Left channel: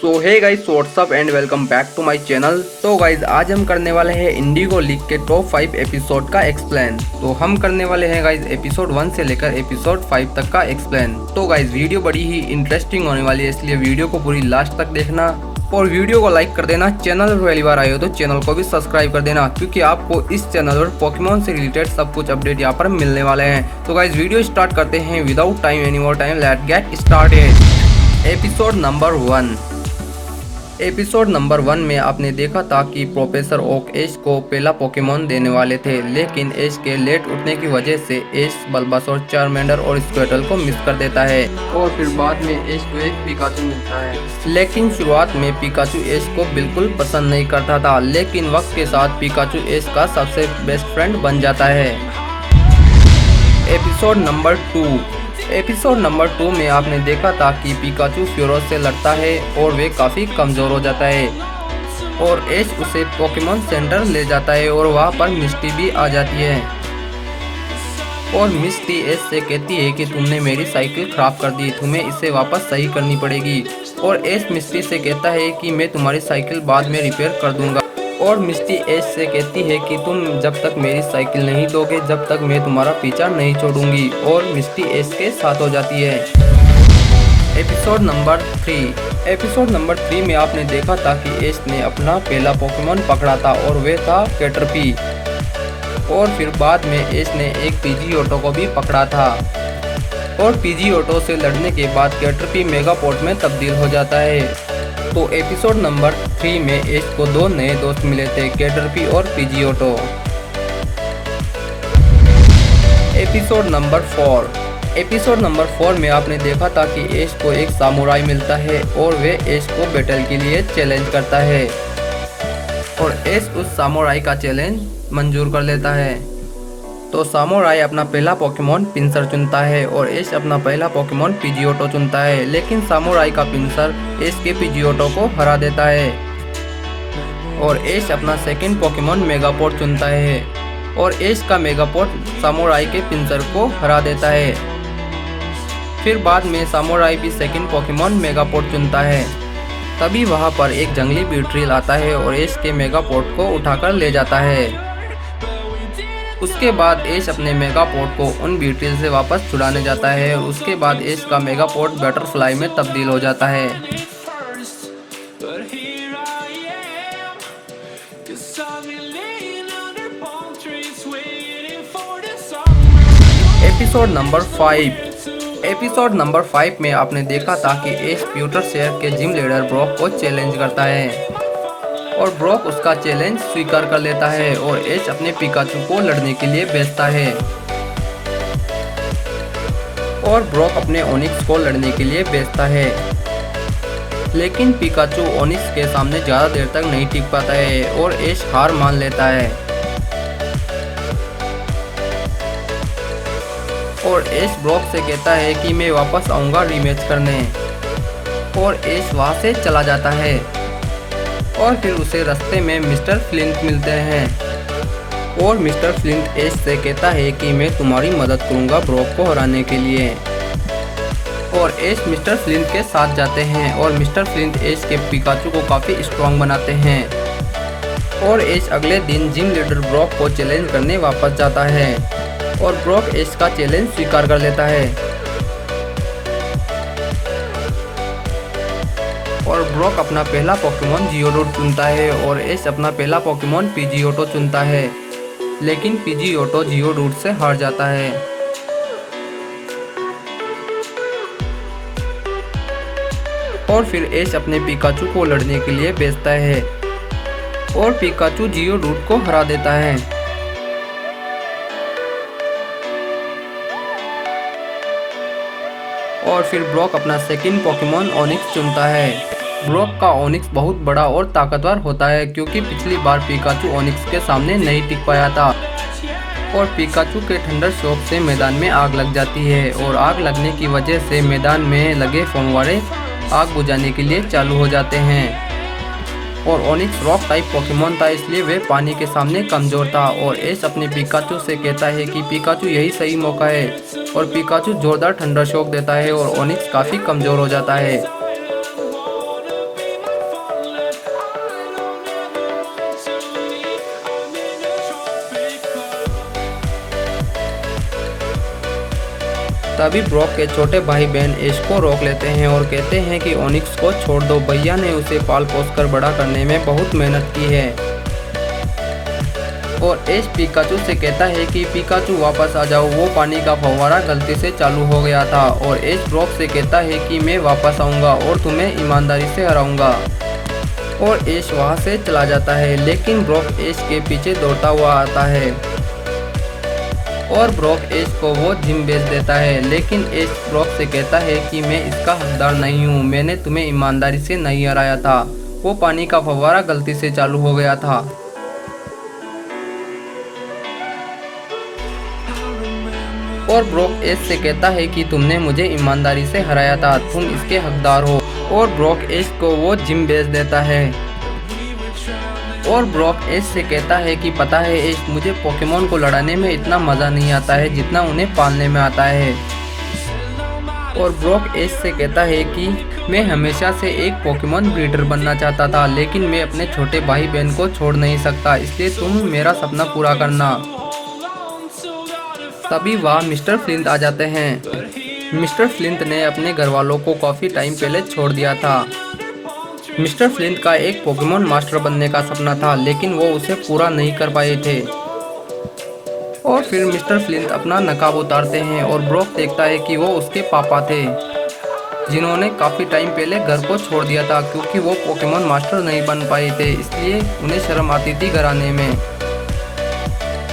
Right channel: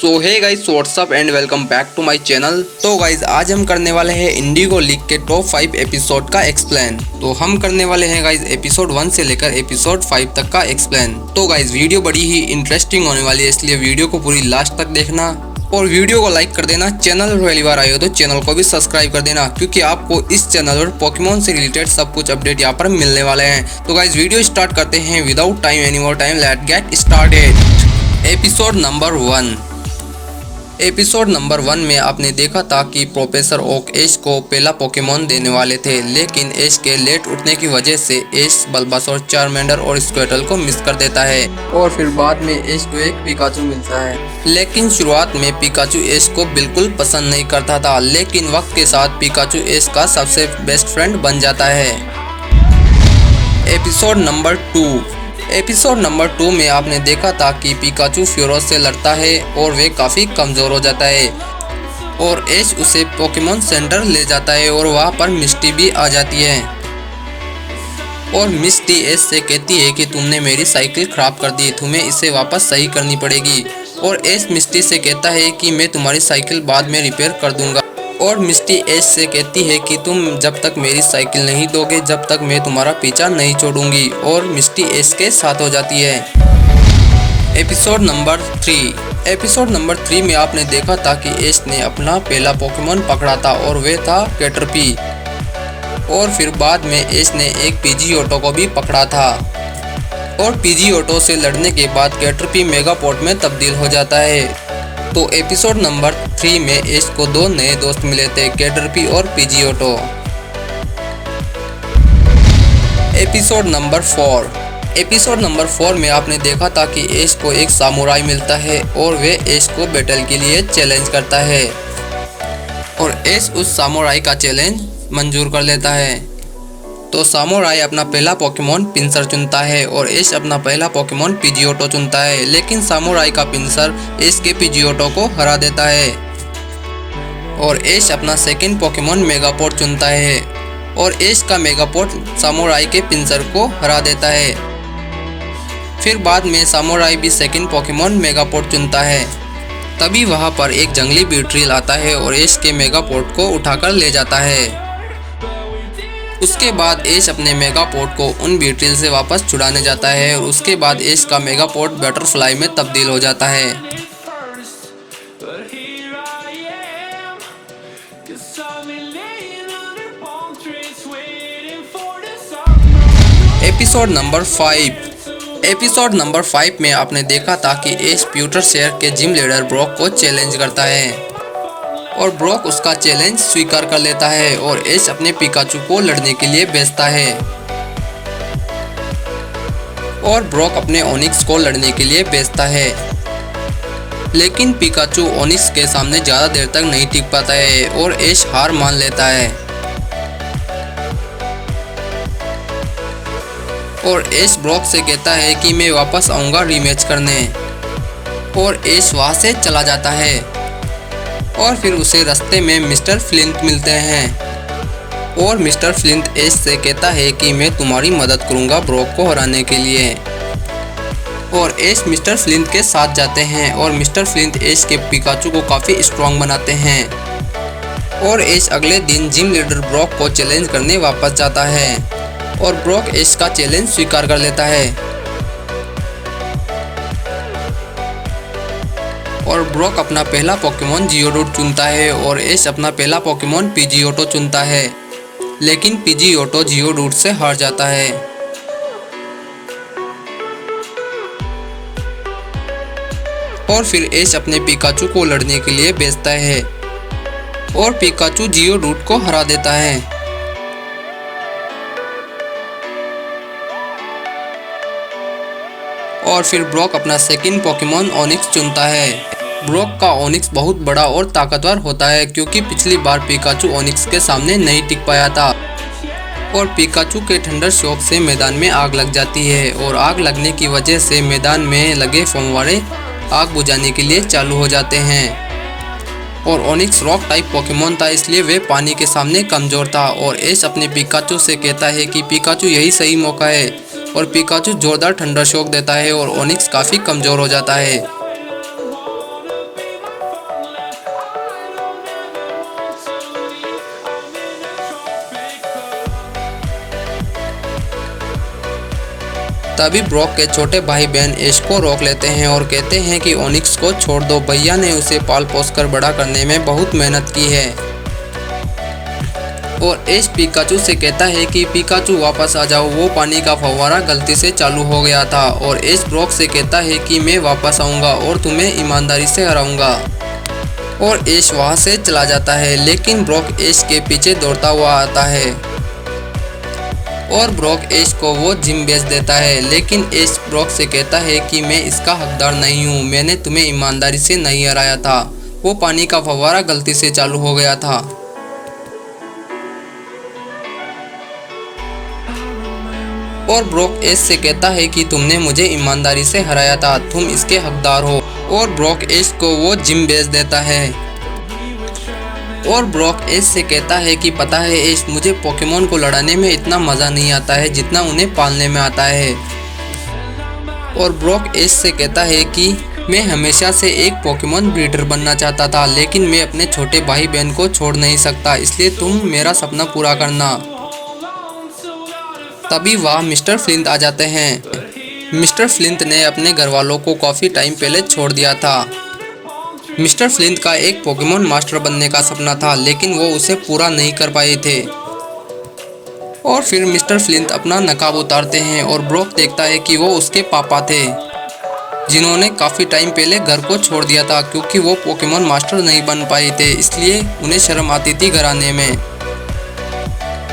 So hey guys, what's up and welcome back to my channel. तो guys आज हम करने वाले हैं इंडिगो लीग के टॉप 5 एपिसोड का एक्सप्लेन। तो हम करने वाले हैं गाइस एपिसोड 1 से लेकर एपिसोड 5 तक का एक्सप्लेन। तो गाइस वीडियो बड़ी ही इंटरेस्टिंग होने वाली है, इसलिए वीडियो को पूरी लास्ट तक देखना और वीडियो को लाइक कर देना। चैनल पर पहली बार आए हो तो चैनल को भी सब्सक्राइब कर देना, क्योंकि आपको इस चैनल पर पोकेमॉन से रिलेटेड सब कुछ अपडेट यहाँ पर मिलने वाले हैं। तो गाइस वीडियो स्टार्ट करते हैं without time any more time, let get started. Episode number 1। Episode number 1 में आपने देखा था कि प्रोफेसर ओक ऐश को पहला पोकेमॉन देने वाले थे, लेकिन ऐश के लेट उठने की वजह से ऐश बल्बासोर, चारमेंडर और स्क्वेटल को मिस कर देता है और फिर बाद में ऐश को एक पिकाचू मिलता है। लेकिन शुरुआत में पिकाचू ऐश को बिल्कुल पसंद नहीं करता था, लेकिन वक्त के साथ पिकाचू ऐश का सबसे बेस्ट फ्रेंड बन जाता है। Episode number 2। एपिसोड नंबर 2 में आपने देखा था कि पिकाचू फ्यूरोस से लड़ता है और वे काफ़ी कमज़ोर हो जाता है और ऐश उसे पोकेमॉन सेंटर ले जाता है और वहाँ पर मिस्टी भी आ जाती है और मिस्टी ऐश से कहती है कि तुमने मेरी साइकिल ख़राब कर दी, तुम्हें इसे वापस सही करनी पड़ेगी। और ऐश मिस्टी से कहता है कि मैं तुम्हारी साइकिल बाद में रिपेयर कर दूंगा। और मिस्टी ऐश से कहती है कि तुम जब तक मेरी साइकिल नहीं दोगे जब तक मैं तुम्हारा पीछा नहीं छोड़ूंगी, और मिस्टी ऐश के साथ हो जाती है। Episode number 3। एपिसोड नंबर 3 में आपने देखा था कि ऐश ने अपना पहला पोकेमॉन पकड़ा था और वे था कैटरपी, और फिर बाद में ऐश ने एक पीजीओटो को भी पकड़ा था और पीजीओटो से लड़ने के बाद कैटरपी मेगापोर्ट में तब्दील हो जाता है। तो एपिसोड नंबर 3 में ऐश को दो नए दोस्त मिले थे, कैटरपी और Pidgeotto. Episode number 4। Episode number 4 में आपने देखा था कि ऐश को एक सामुराई मिलता है और वे ऐश को बैटल के लिए चैलेंज करता है और ऐश उस सामुराई का चैलेंज मंजूर कर लेता है। तो सामुराई अपना पहला पोकेमॉन पिंसर चुनता है और ऐश अपना पहला पोकेमॉन पीजीओटो चुनता है, लेकिन सामुराई का पिंसर ऐश के पीजीओटो को हरा देता है और ऐश अपना सेकंड पोकेमॉन मेगापोर्ट चुनता है और ऐश का मेगापोर्ट सामुराई के पिंसर को हरा देता है। फिर बाद में सामुराई भी सेकंड पोकेमॉन मेगापोर्ट चुनता है। तभी वहाँ पर एक जंगली बीट्रिल आता है और ऐश के मेगापोर्ट को उठाकर ले जाता है। उसके बाद ऐश अपने मेगापोर्ट को उन बीट्रिल से वापस छुड़ाने जाता है और उसके बाद ऐश का मेगापोर्ट बटरफ्लाई में तब्दील हो जाता है। Episode number 5। एपिसोड नंबर 5 में आपने देखा था कि ऐश प्यूटर शहर के जिम लीडर ब्रॉक को चैलेंज करता है और ब्रॉक उसका चैलेंज स्वीकार कर लेता है और ऐश अपने पिकाचू को लड़ने के लिए भेजता है और ब्रॉक अपने ओनिक्स को लड़ने के लिए भेजता है, लेकिन पिकाचू ओनिक्स के सामने ज़्यादा देर तक नहीं टिक पाता है और ऐश हार मान लेता है और ऐश ब्रॉक से कहता है कि मैं वापस आऊँगा रीमैच करने, और ऐश वहाँ से चला जाता है और फिर उसे रास्ते में मिस्टर फ्लिंट मिलते हैं और मिस्टर फ्लिंट ऐश से कहता है कि मैं तुम्हारी मदद करूंगा ब्रॉक को हराने के लिए, और ऐश मिस्टर फ्लिंट के साथ जाते हैं और मिस्टर फ्लिंट ऐश के पिकाचू को काफ़ी स्ट्रॉन्ग बनाते हैं और ऐश अगले दिन जिम लीडर ब्रॉक को चैलेंज करने वापस जाता है और ब्रॉक ऐश का चैलेंज स्वीकार कर लेता है और ब्रॉक अपना पहला पोकेमॉन जियोडूट चुनता है और ऐश अपना पहला पोकेमॉन पीजीओटो चुनता है, लेकिन पीजीओटो जियोडूट से हार जाता है। और फिर ऐश अपने पिकाचू को लड़ने के लिए भेजता है और पिकाचू जियोडूट को हरा देता है। और फिर ब्रॉक अपना सेकंड पोकेमॉन ओनिक्स चुनता है। ब्रॉक का ओनिक्स बहुत बड़ा और ताकतवर होता है, क्योंकि पिछली बार पिकाचू ओनिक्स के सामने नहीं टिक पाया था और पिकाचू के थंडर शॉक से मैदान में आग लग जाती है और आग लगने की वजह से मैदान में लगे फव्वारे आग बुझाने के लिए चालू हो जाते हैं और ओनिक्स रॉक टाइप पोकेमॉन था, इसलिए वे पानी के सामने कमज़ोर था और ऐश अपने पिकाचू से कहता है कि पिकाचू यही सही मौका है और पिकाचू जोरदार थंडर शॉक देता है और ओनिक्स काफ़ी कमज़ोर हो जाता है। तभी ब्रॉक के छोटे भाई बहन ऐश को रोक लेते हैं और कहते हैं कि ओनिक्स को छोड़ दो, भैया ने उसे पाल पोस कर बड़ा करने में बहुत मेहनत की है। और ऐश पिकाचू से कहता है कि पिकाचू वापस आ जाओ, वो पानी का फव्वारा गलती से चालू हो गया था। और ऐश ब्रॉक से कहता है कि मैं वापस आऊँगा और तुम्हें ईमानदारी से हराऊंगा। और ऐश वहाँ से चला जाता है, लेकिन ब्रॉक ऐश के पीछे दौड़ता हुआ आता है और ब्रॉक ऐश को वो जिम बेच देता है। लेकिन ऐश ब्रॉक से कहता है कि मैं इसका हकदार नहीं हूँ, मैंने तुम्हें ईमानदारी से नहीं हराया था, वो पानी का फव्वारा गलती से चालू हो गया था। और ब्रॉक ऐश से कहता है कि तुमने मुझे ईमानदारी से हराया था, तुम इसके हकदार हो। और ब्रॉक ऐश को वो जिम बेच देता है। और ब्रॉक ऐश से कहता है कि पता है ऐश, मुझे पोकेमोन को लड़ाने में इतना मज़ा नहीं आता है जितना उन्हें पालने में आता है। और ब्रॉक ऐश से कहता है कि मैं हमेशा से एक पोकेमोन ब्रीडर बनना चाहता था, लेकिन मैं अपने छोटे भाई बहन को छोड़ नहीं सकता, इसलिए तुम मेरा सपना पूरा करना। तभी वहाँ मिस्टर फ्लिंट आ जाते हैं। मिस्टर फ्लिंट ने अपने घर वालों को काफ़ी टाइम पहले छोड़ दिया था। मिस्टर फ्लिंट का एक पोकेमोन मास्टर बनने का सपना था, लेकिन वो उसे पूरा नहीं कर पाए थे। और फिर मिस्टर फ्लिंट अपना नकाब उतारते हैं और ब्रॉक देखता है कि वो उसके पापा थे, जिन्होंने काफ़ी टाइम पहले घर को छोड़ दिया था क्योंकि वो पोकेमोन मास्टर नहीं बन पाए थे, इसलिए उन्हें शर्म आती थी घर आने में।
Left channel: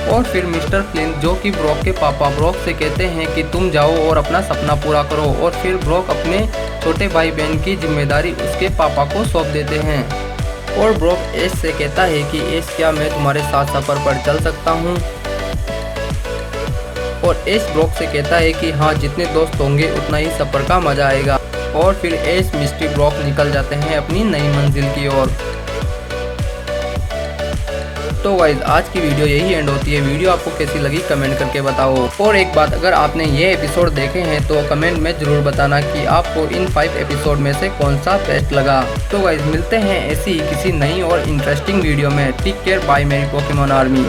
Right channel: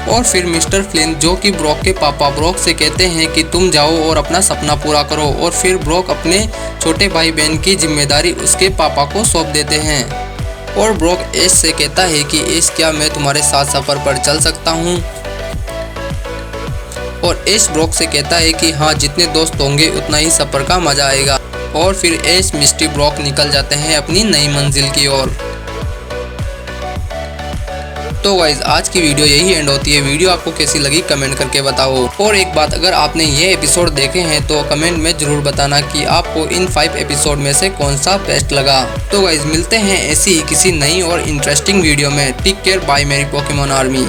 और फिर मिस्टर फ्लिंट, जो कि ब्रॉक के पापा, ब्रॉक से कहते हैं कि तुम जाओ और अपना सपना पूरा करो। और फिर ब्रॉक अपने छोटे भाई बहन की जिम्मेदारी उसके पापा को सौंप देते हैं। और ब्रॉक ऐश से कहता है कि ऐश, क्या मैं तुम्हारे साथ सफ़र पर चल सकता हूँ? और ऐश ब्रॉक से कहता है कि हाँ, जितने दोस्त होंगे उतना ही सफ़र का मज़ा आएगा। और फिर ऐश, मिस्टी, ब्रॉक निकल जाते हैं अपनी नई मंजिल की ओर। तो गाइज, आज की वीडियो यही एंड होती है। वीडियो आपको कैसी लगी कमेंट करके बताओ। और एक बात, अगर आपने ये एपिसोड देखे हैं तो कमेंट में ज़रूर बताना कि आपको इन 5 एपिसोड में से कौन सा बेस्ट लगा। तो गाइज, मिलते हैं ऐसी ही किसी नई और इंटरेस्टिंग वीडियो में। टेक केयर, बाय मेरी पोकेमोन आर्मी।